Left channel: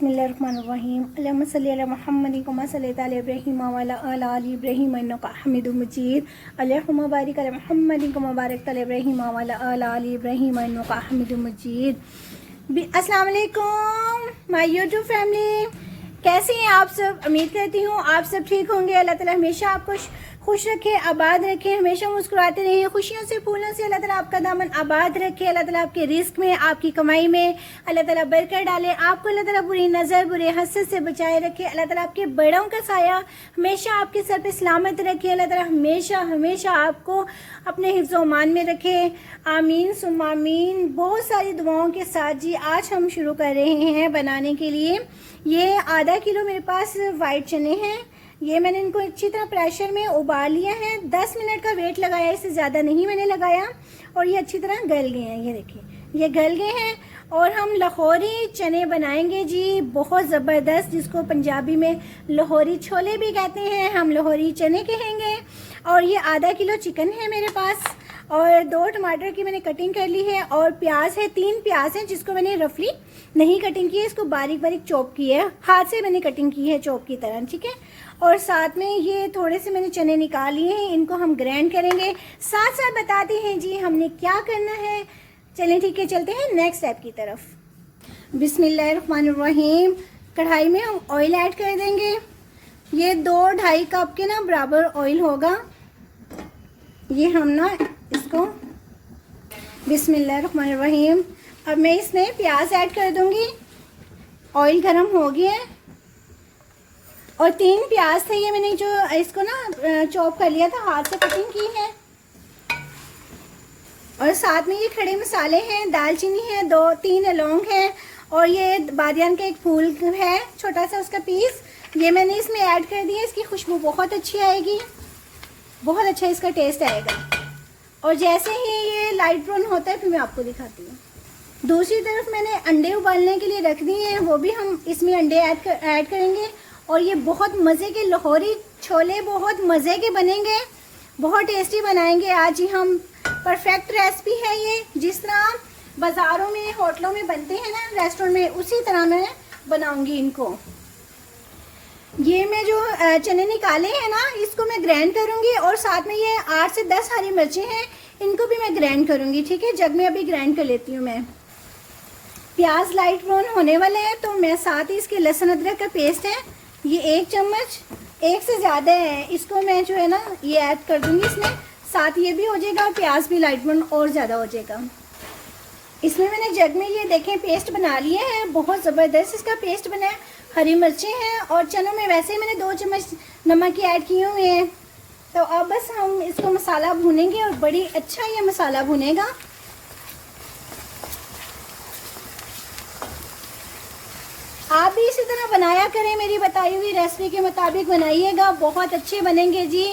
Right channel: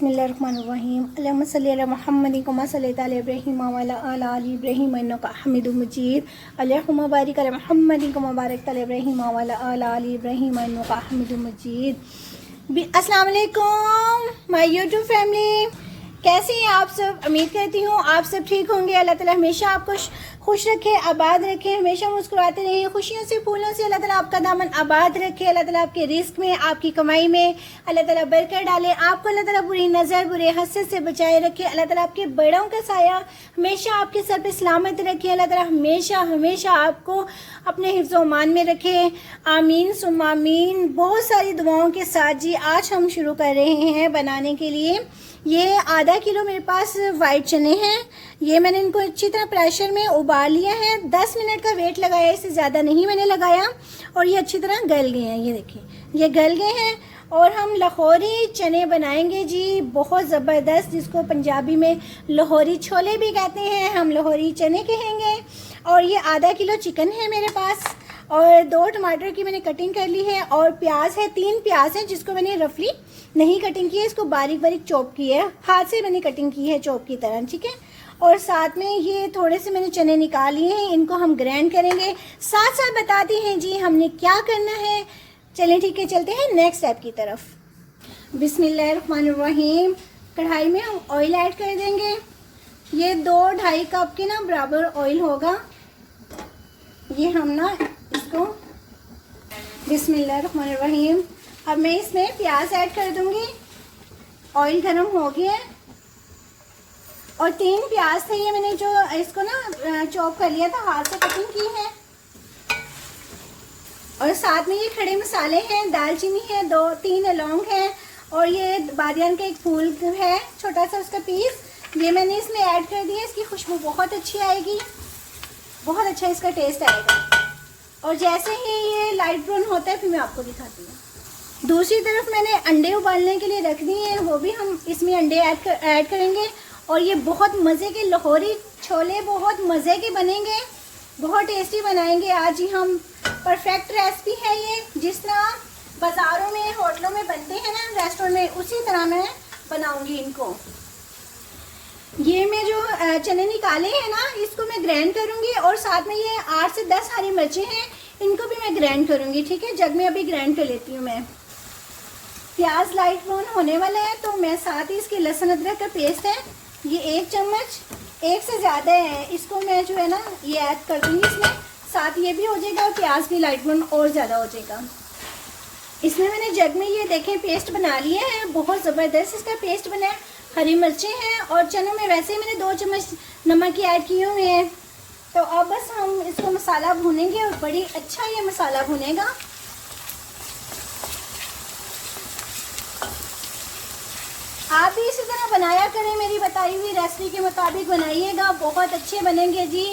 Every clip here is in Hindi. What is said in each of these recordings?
बिस्मिल्लाहिर्रहमानिर्रहीम अल्लाहुम्मा सल्ली अला मुहम्मदिन कमा सल्लैता अला इब्राहीम व अला आलि इब्राहीम इन्नका हमीदुम मजीद अल्लाहुम्मा बारिक अला मुहम्मदिन कमा बारकता अला इब्राहीम व अला आलि इब्राहीम इन्नका हमीदुम मजीद। अस्सलाम वालेकुम माय यूट्यूब फैमिली, कैसे हैं आप सब? उम्मीद करती हूँ आप सब ठीक होंगे। अल्लाह ताला हमेशा आपको खुश रखे, आबाद रखे, हमेशा मुस्कुराते रहिए, खुशियों से फूलों से अल्लाह ताला आपका दामन आबाद रखे। अल्लाह ताला आपके रिस्क में, आपकी कमाई में अल्लाह ताला बरकत डाले। आपको अल्लाह ताला बुरी नज़र, बुरे हसद से बचाए रखे। अल्लाह ताला आपके बड़ों का साया हमेशा आपके सर पे सलामत रखे। अल्लाह ताला हमेशा हमेशा आपको अपने हिफ्ज़ व मान में रखे। आमीन सुम्मा आमीन। बहुत सारी दुआओं के साथ जी आज हम शुरू कर रहे हैं बनाने के लिए। ये आधा किलो मेरे पास वाइट चने हैं। ये मैंने इनको अच्छी तरह प्रेशर में उबाल लिया है। 10 मिनट का वेट लगाया, इससे ज़्यादा नहीं मैंने लगाया। और ये अच्छी तरह गल गए हैं, ये देखिए ये गल गए हैं। और हम लाहौरी चने बनाएंगे जी, बहुत ज़बरदस्त, जिसको पंजाबी में लाहौरी छोले भी कहते हैं, हम लाहौरी चने कहेंगे। और ये आधा किलो चिकन है मेरे पास, और 2 टमाटर की मैंने कटिंग कर ली है, और प्याज है, 3 प्याज हैं जिसको मैंने रफली नहीं कटिंग की है, इसको बारीक बारीक चॉप की है, हाथ से मैंने कटिंग की है चॉप की तरह, ठीक है। और साथ में ये थोड़े से मैंने चने निकाल लिए हैं, इनको हम ग्राइंड करेंगे। साथ साथ बताते हैं जी हमने क्या करना है। चलें ठीक है, चलते हैं नेक्स्ट स्टेप की तरफ। बिस्मिल्लाहिर्रहमानिर्रहीम। कढ़ाई में हम ऑयल ऐड कर देंगे। ये 2-2.5 कप के ना बराबर ऑयल होगा। ये हम ना इसको बिस्मिल्लाहिर्रहमानिर्रहीम। अब मैं इसमें प्याज ऐड कर दूंगी। ऑयल गरम हो गया है, और 3 प्याज थे, ये मैंने जो इसको ना चॉप कर लिया था, हाथ से कटिंग की है। और साथ में ये खड़े मसाले हैं, दालचीनी है, 2-3 लौंग है, और ये बादियान का एक फूल है छोटा सा, उसका पीस ये मैंने इसमें ऐड कर दिया। इसकी खुशबू बहुत अच्छी आएगी, बहुत अच्छा इसका टेस्ट आएगा। और जैसे ही ये लाइट ब्राउन होता है फिर मैं आपको दिखाती हूँ। दूसरी तरफ मैंने अंडे उबालने के लिए रख दिए हैं, वो भी हम इसमें अंडे ऐड करेंगे। और ये बहुत मज़े के लाहौरी छोले बहुत मज़े के बनेंगे, बहुत टेस्टी बनाएंगे आज ही हम। परफेक्ट रेसिपी है ये, जिस तरह बाज़ारों में होटलों में बनते हैं ना, रेस्टोरेंट में, उसी तरह मैं बनाऊंगी इनको। ये मैं जो चने निकाले हैं ना, इसको मैं ग्राइंड करूंगी। और साथ में ये 8 से 10 हरी मिर्चें हैं, इनको भी मैं ग्राइंड करूंगी, ठीक है। जग में अभी ग्राइंड कर लेती हूँ मैं। प्याज लाइट ब्राउन होने वाले हैं, तो मैं साथ ही इसके लहसुन अदरक का पेस्ट है, ये 1 चम्मच, 1 से ज़्यादा है, इसको मैं जो है ना ये ऐड कर दूंगी इसमें। साथ ये भी हो जाएगा और प्याज भी लाइट ब्राउन और ज़्यादा हो जाएगा। इसमें मैंने जग में ये देखें पेस्ट बना लिए हैं, बहुत ज़बरदस्त इसका पेस्ट बना है। हरी मिर्चें हैं, और चनों में वैसे ही मैंने 2 चम्मच नमक की ऐड किए हुए हैं। तो अब बस हम इसको मसाला भूनेंगे, और बड़ी अच्छा ये मसाला भुनेगा। आप भी इसी तरह बनाया करें, मेरी बताई हुई रेसिपी के मुताबिक बनाइएगा, बहुत अच्छे बनेंगे जी।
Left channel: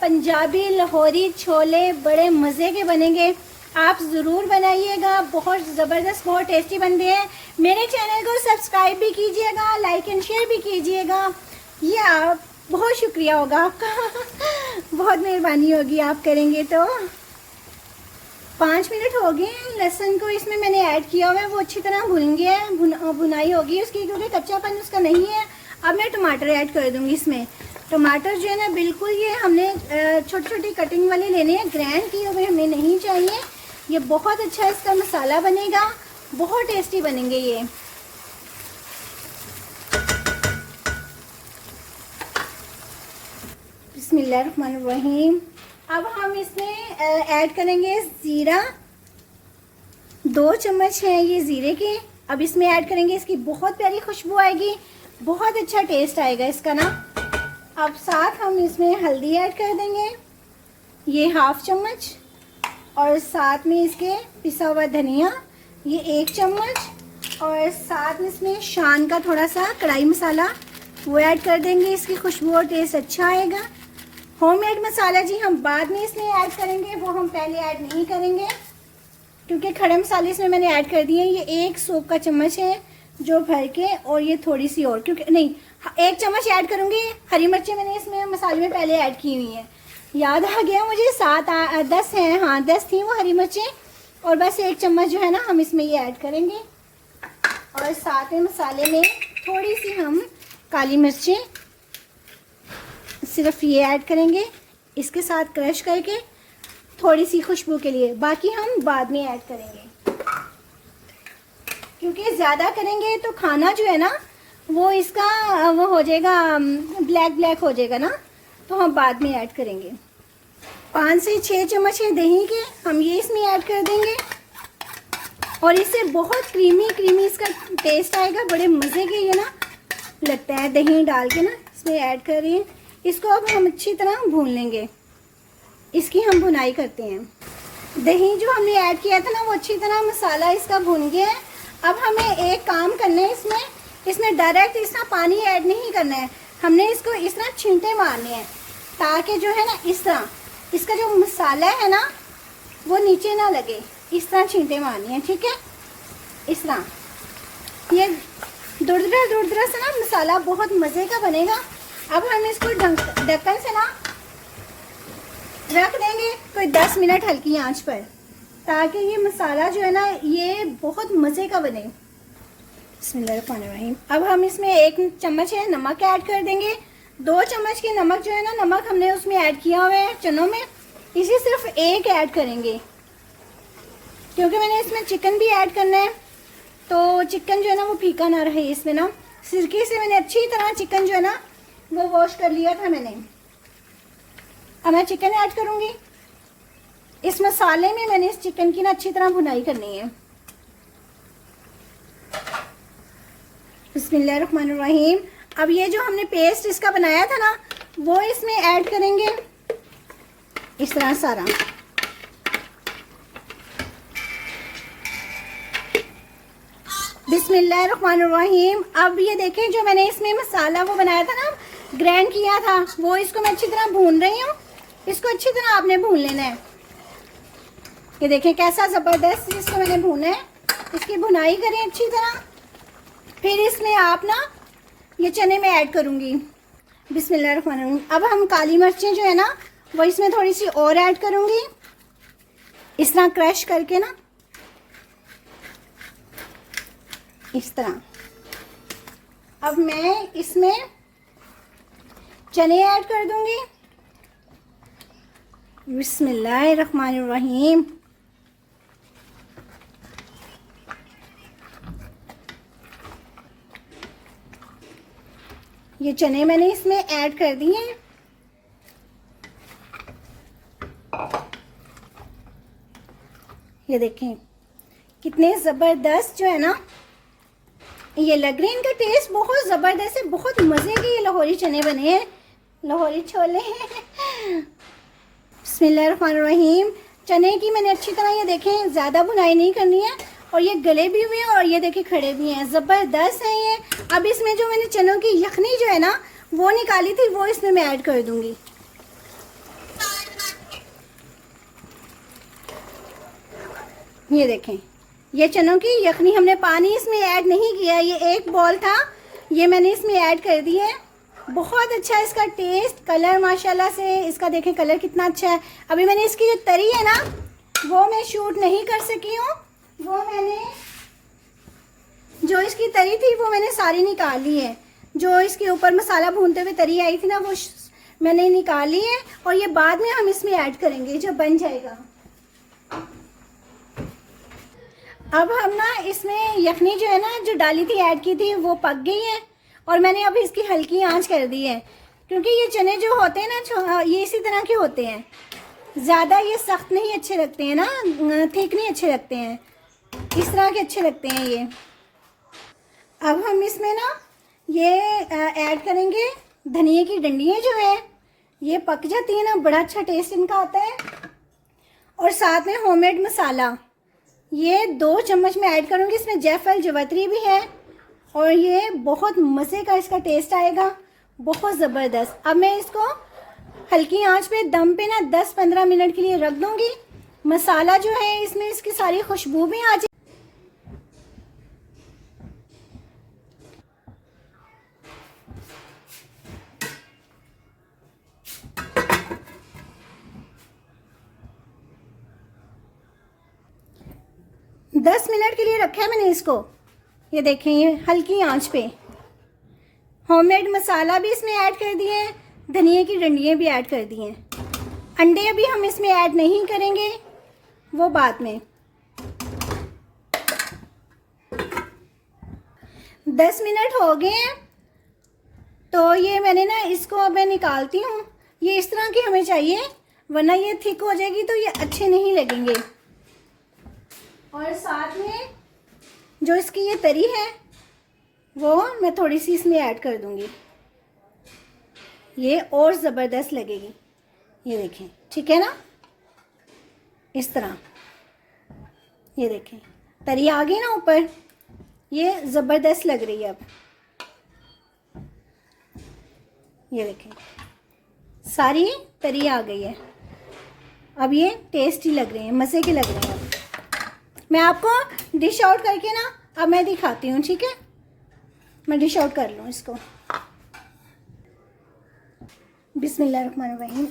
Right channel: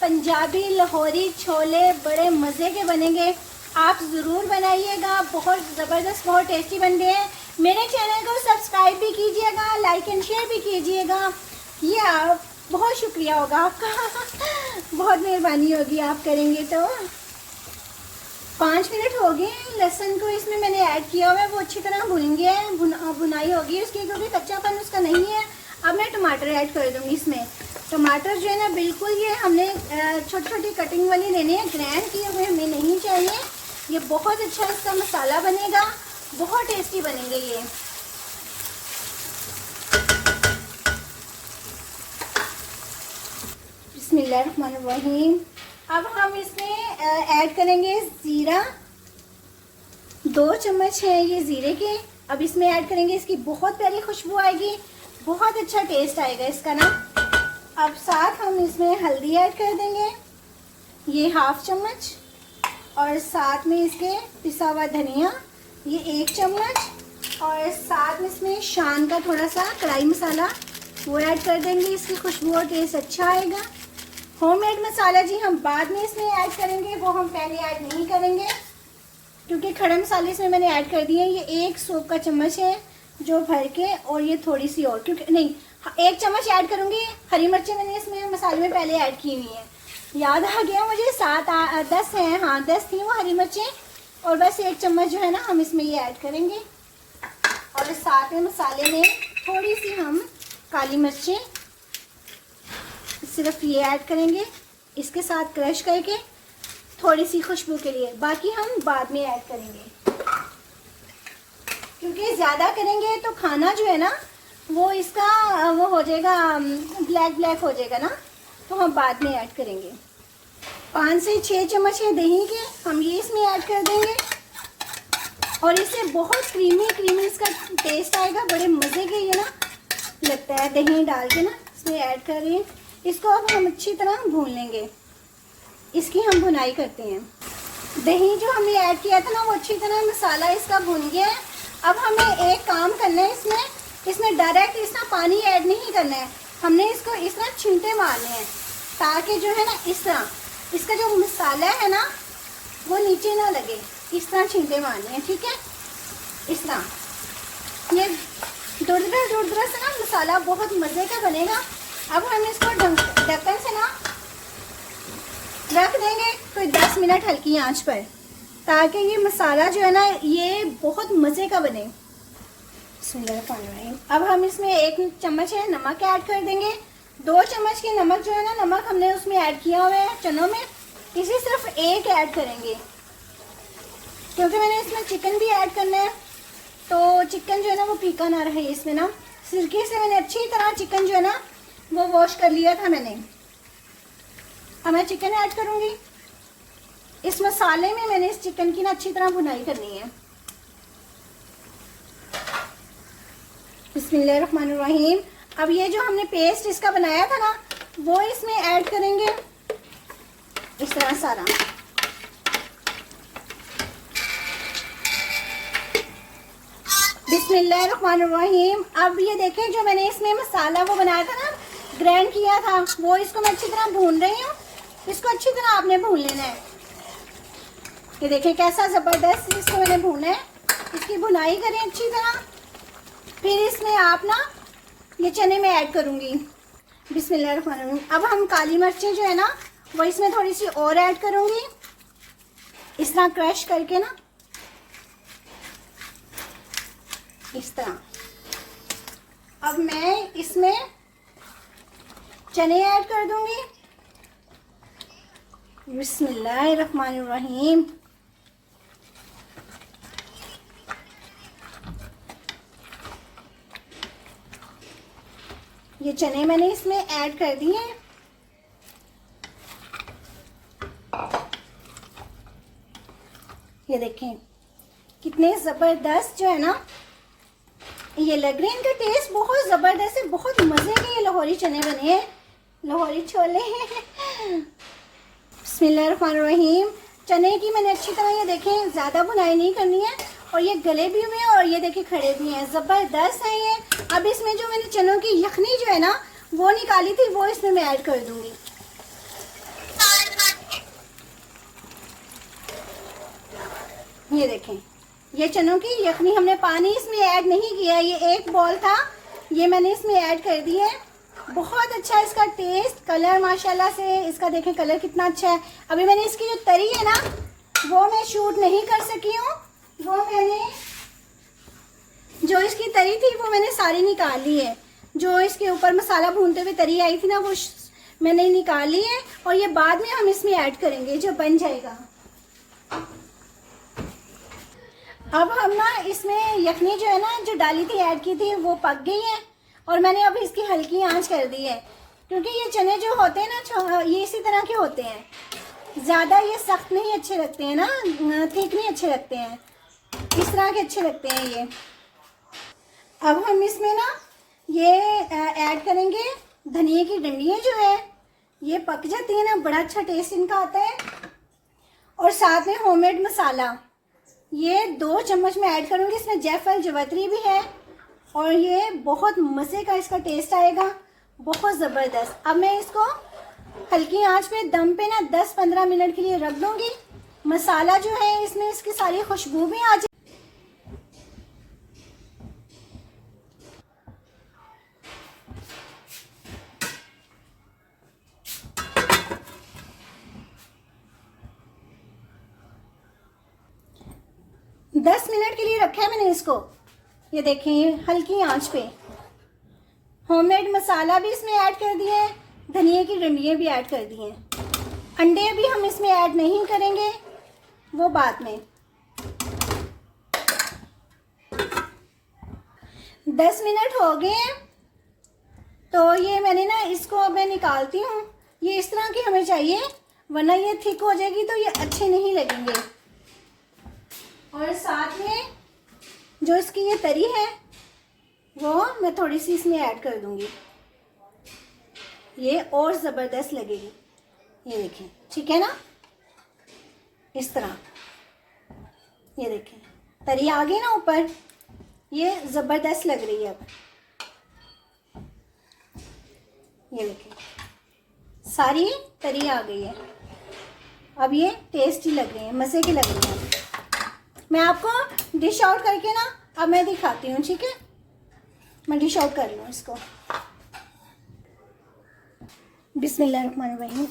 पंजाबी लाहौरी छोले बड़े मज़े के बनेंगे, आप ज़रूर बनाइएगा, बहुत ज़बरदस्त, बहुत टेस्टी बनते हैं। मेरे चैनल को सब्सक्राइब भी कीजिएगा, लाइक एंड शेयर भी कीजिएगा, ये आप बहुत शुक्रिया होगा आपका बहुत मेहरबानी होगी आप करेंगे तो। 5 मिनट हो गए हैं। लहसुन को इसमें मैंने ऐड किया हुआ है, वो अच्छी तरह भुन गया है, भुनाई होगी उसकी, क्योंकि कच्चापन उसका नहीं है। अब मैं टमाटर ऐड कर दूंगी इसमें। टमाटर जो है ना बिल्कुल ये हमने छोटी छोटी कटिंग वाली लेने हैं, ग्राइंड किए हुए हमें नहीं चाहिए। ये बहुत अच्छा इसका मसाला बनेगा, बहुत टेस्टी बनेंगे ये। बिस्मिल्लाहिर्रहमानिर्रहीम। अब हम इसमें ऐड करेंगे ज़ीरा, 2 चम्मच है ये ज़ीरे के। अब इसमें ऐड करेंगे, इसकी बहुत प्यारी खुशबू आएगी, बहुत अच्छा टेस्ट आएगा इसका ना। अब साथ हम इसमें हल्दी ऐड कर देंगे, ये 1/2 चम्मच, और साथ में इसके पिसा हुआ धनिया ये 1 चम्मच, और साथ में इसमें शान का थोड़ा सा कढ़ाई मसाला वो ऐड कर देंगे, इसकी खुशबू और टेस्ट अच्छा आएगा। होममेड मसाला जी हम बाद में इसमें ऐड करेंगे, वो हम पहले ऐड नहीं करेंगे, क्योंकि खड़े मसाले इसमें मैंने ऐड कर दिए हैं। ये 1 सूप का चम्मच है जो भर के, और ये थोड़ी सी और, क्योंकि नहीं 1 चम्मच ऐड करूँगी। हरी मिर्चें मैंने इसमें मसाले में पहले ऐड की हुई हैं, याद आ गया मुझे, 7-10 हैं, हाँ 10 थी वो हरी मिर्चें। और बस 1 चम्मच जो है ना हम इसमें ये ऐड करेंगे। और साथ में मसाले में थोड़ी काली मिर्चें सिर्फ ये ऐड करेंगे इसके साथ क्रश करके, थोड़ी सी खुशबू के लिए, बाकी हम बाद में ऐड करेंगे, क्योंकि ज़्यादा करेंगे तो खाना जो है ना वो इसका वो हो जाएगा, ब्लैक ब्लैक हो जाएगा ना, तो हम बाद में ऐड करेंगे। 5 से 6 चम्मच है दही के, हम ये इसमें ऐड कर देंगे और इससे बहुत क्रीमी क्रीमी इसका टेस्ट आएगा, बड़े मज़े के ये ना लगता है दही डाल के ना इसमें ऐड कर रही हैं। इसको अब हम अच्छी तरह भून लेंगे, इसकी हम भुनाई करते हैं। दही जो हमने ऐड किया था ना वो अच्छी तरह मसाला इसका भून गया है। अब हमें एक काम करना है, इसमें डायरेक्ट इस तरह पानी ऐड नहीं करना है, हमने इसको इस तरह छिंटे मारने हैं ताकि जो है ना इस तरह इसका जो मसाला है ना वो नीचे ना लगे, इस तरह छींटे मारनी है, ठीक है। इस तरह ये दुरदरा से ना मसाला बहुत मज़े का बनेगा। अब हम इसको ढक्कन से ना रख देंगे कोई 10 मिनट हल्की आंच पर, ताकि ये मसाला जो है ना ये बहुत मज़े का बने। बिस्मिल्लाहिर्रहमानिर्रहीम। अब हम इसमें 1 चम्मच है नमक ऐड कर देंगे। 2 चम्मच की नमक जो है ना, नमक हमने उसमें ऐड किया हुआ है चनों में, इसे सिर्फ 1 ऐड करेंगे, क्योंकि मैंने इसमें चिकन भी ऐड करना है, तो चिकन जो है ना वो फीका ना रहे। इसमें ना सिरके से मैंने अच्छी तरह चिकन जो है ना वो वॉश कर लिया था मैंने। अब मैं चिकन ऐड करूँगी इस मसाले में, मैंने इस चिकन की ना अच्छी तरह भुनाई करनी है। बिस्मिल्लाहिर्रहमानिर्रहीम। अब ये जो हमने पेस्ट इसका बनाया था ना वो इसमें ऐड करेंगे इस तरह सारा। बिस्मिल्लाहिर्रहमानिर्रहीम। अब ये देखें जो मैंने इसमें मसाला वो बनाया था ना, ग्राइंड किया था, वो इसको मैं अच्छी तरह भून रही हूँ। इसको अच्छी तरह आपने भून लेना है। ये देखें कैसा ज़बरदस्त इसको मैंने भूना है, इसकी भुनाई करें अच्छी तरह। फिर इसमें आप ना ये चने में ऐड करूँगी। बिस्मिल्लाहिर्रहमानिर्रहीम। अब हम काली मिर्चें जो है ना वो इसमें थोड़ी सी और ऐड करूँगी, इस तरह क्रश करके ना, इस तरह। अब मैं इसमें चने ऐड कर दूंगी। बिस्मिल्लाहिर्रहमानिर्रहीम। ये चने मैंने इसमें ऐड कर दिए हैं। ये देखें कितने ज़बरदस्त जो है ना ये लग रहे हैं, इनका टेस्ट बहुत ज़बरदस्त है, बहुत मज़े के ये लाहौरी चने बने हैं, लाहौरी छोले हैं। बिस्मिल्लाहिर्रहमानिर्रहीम। चने की मैंने अच्छी तरह ये देखें ज़्यादा भुनाई नहीं करनी है, और ये गले भी हुए हैं और ये देखें खड़े भी हैं, ज़बरदस्त हैं ये। अब इसमें जो मैंने चनों की यखनी जो है ना वो निकाली थी वो इसमें मैं ऐड कर दूंगी। ये देखें ये चनों की यखनी, हमने पानी इसमें ऐड नहीं किया, ये एक बॉल था ये मैंने इसमें ऐड कर दिया है। बहुत अच्छा है इसका टेस्ट, कलर माशाल्लाह से इसका देखें कलर कितना अच्छा है। अभी मैंने इसकी जो तरी है ना वो मैं शूट नहीं कर सकी हूँ, वो मैंने जो इसकी तरी थी वो मैंने सारी निकाल ली है। जो इसके ऊपर मसाला भूनते हुए तरी आई थी ना वो मैंने निकाल ली है, और ये बाद में हम इसमें ऐड करेंगे जब बन जाएगा। अब हम ना इसमें यखनी जो है ना जो डाली थी ऐड की थी वो पक गई है, और मैंने अब इसकी हल्की आंच कर दी है, क्योंकि ये चने जो होते हैं ना ये इसी तरह के होते हैं, ज़्यादा ये सख्त नहीं अच्छे लगते हैं ना, थिक नहीं अच्छे लगते हैं, इस तरह के अच्छे लगते हैं ये। अब हम इसमें ना ये ऐड करेंगे धनिया की डंडियाँ जो है, ये पक जाती है ना बड़ा अच्छा टेस्ट इनका आता है। और साथ में होममेड मसाला ये 2 चम्मच में ऐड करूँगी, इसमें जायफल जवैत्री भी है, और ये बहुत मज़े का इसका टेस्ट आएगा, बहुत ज़बरदस्त। अब मैं इसको हल्की आंच पे दम पे ना 10-15 मिनट के लिए रख दूँगी। मसाला जो है इसमें इसकी सारी खुशबू भी आ जाए। 10 मिनट के लिए रखा है मैंने इसको, ये देखें ये हल्की आंच पे होममेड मसाला भी इसमें ऐड कर दिए हैं, धनिया की डंडियाँ भी ऐड कर दी हैं। अंडे भी हम इसमें ऐड नहीं करेंगे, वो बाद में। 10 मिनट हो गए हैं, तो ये मैंने ना इसको अब मैं निकालती हूँ। ये इस तरह की हमें चाहिए, वरना ये थिक हो जाएगी तो ये अच्छे नहीं लगेंगे। और साथ में जो इसकी ये तरी है वो मैं थोड़ी सी इसमें ऐड कर दूंगी, ये और ज़बरदस्त लगेगी। ये देखें, ठीक है ना, इस तरह। ये देखें तरी आ गई ना ऊपर, ये ज़बरदस्त लग रही है। अब ये देखें सारी तरी आ गई है। अब ये टेस्टी लग रहे हैं, मज़े के लग रहे हैं। मैं आपको डिश आउट करके ना अब मैं दिखाती हूँ, ठीक है। मैं डिश आउट कर लूँ इसको। बिस्मिल्लाहिर्रहमानिर्रहीम।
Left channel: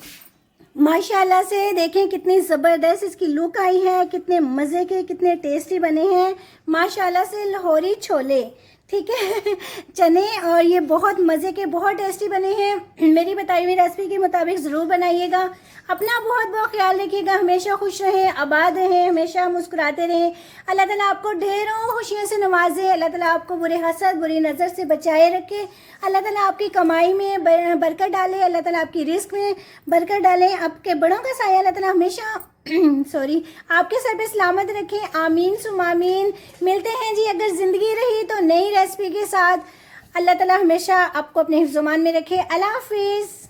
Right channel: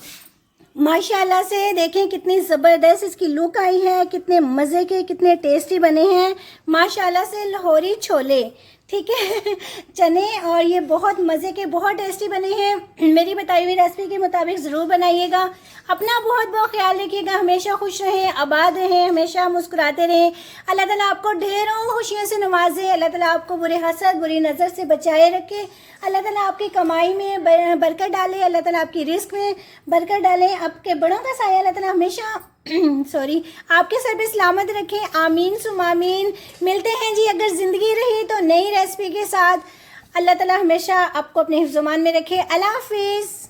माशाल्लाह से देखें कितनी ज़बरदस्त इसकी लुक आई है, कितने मज़े के, कितने टेस्टी बने हैं माशाल्लाह से। लाहौरी छोले, ठीक है, चने, और ये बहुत मज़े के, बहुत टेस्टी बने हैं। मेरी बताई हुई रेसिपी के मुताबिक ज़रूर बनाइएगा। अपना बहुत बहुत ख्याल रखिएगा। हमेशा खुश रहें, आबाद रहें, हमेशा मुस्कुराते रहें। अल्लाह ताला आपको ढेरों खुशियों से नवाजे। अल्लाह ताला आपको बुरे हसद, बुरी नज़र से बचाए रखे। अल्लाह ताला आपकी कमाई में बरकत डाले। अल्लाह ताला आपकी रिस्क में बरकत डालें। आपके बड़ों का साया अल्लाह ताला हमेशा सॉरी आपके सर पे सलामत रखें। आमीन सुम आमीन। मिलते हैं जी अगर ज़िंदगी रही तो नई रेसिपी के साथ। अल्लाह ताला हमेशा आपको अपने हिफ्ज़-ओ-मान में रखे। अल्लाह हाफिज़।